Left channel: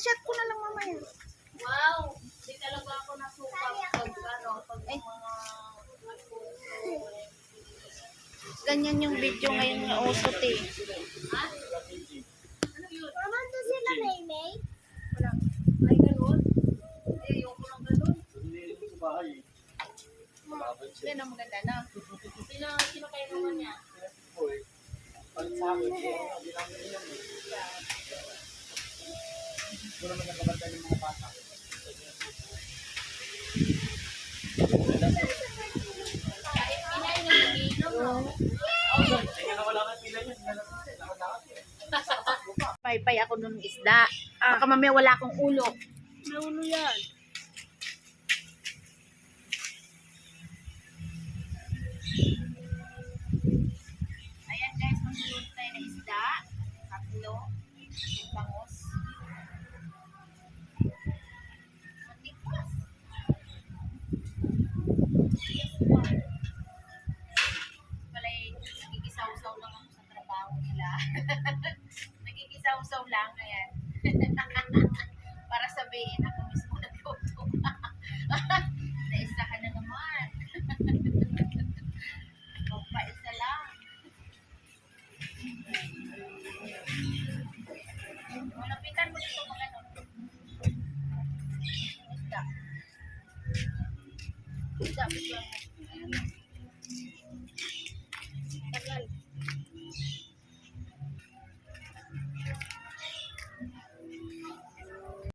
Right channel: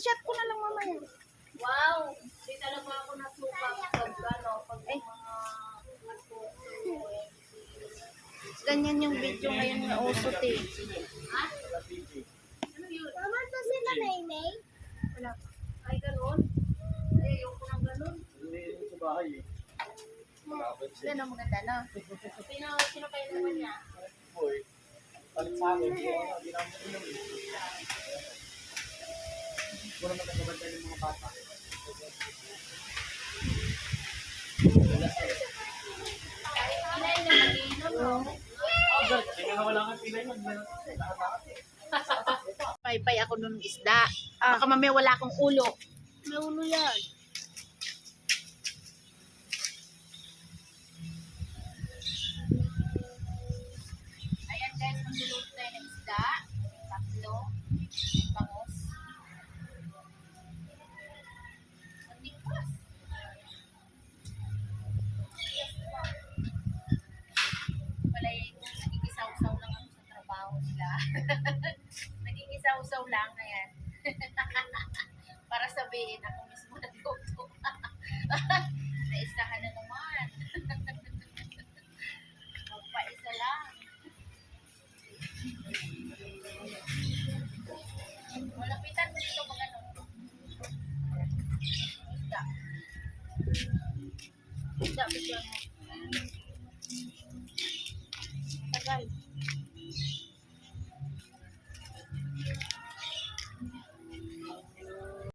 shot ko na lang mamaya. Wow! Di talaga ako nasuka pag ano, pag Ay. mga Ganyan yung video ngayon ng usot eh. Ha? Ano yun? Mama, to sila Maymay? Wala. Ay, ganun? Ay, ayoko ng ganun. Sa bahay eh. Yan ang maganda na. Sino kayo naman niya? Boy, palit sa akin, hindi namin inom eh. Wala naman nakabantay ng mga bata. Kahit pinay na nag-iinom, no? Sige na wala kang pila yan. Lahat eh. Paypay ako nung isda. Baka mamaya wala akong ulo. May ulo yan. Ayan guys, magluluto tayo ng isda. Tatlo. Bangos. Matikwas. Yes, wow. Walay, nagigisaw-saw lang ako sa trabaho nila. Nagigisaw-saw lang, ayan. Para sabihin ako mismo nagluto. Naisahan na naman. Magpaisa lang. Malapitan mo dito pag ano. Isda. Isda, bigyan mo.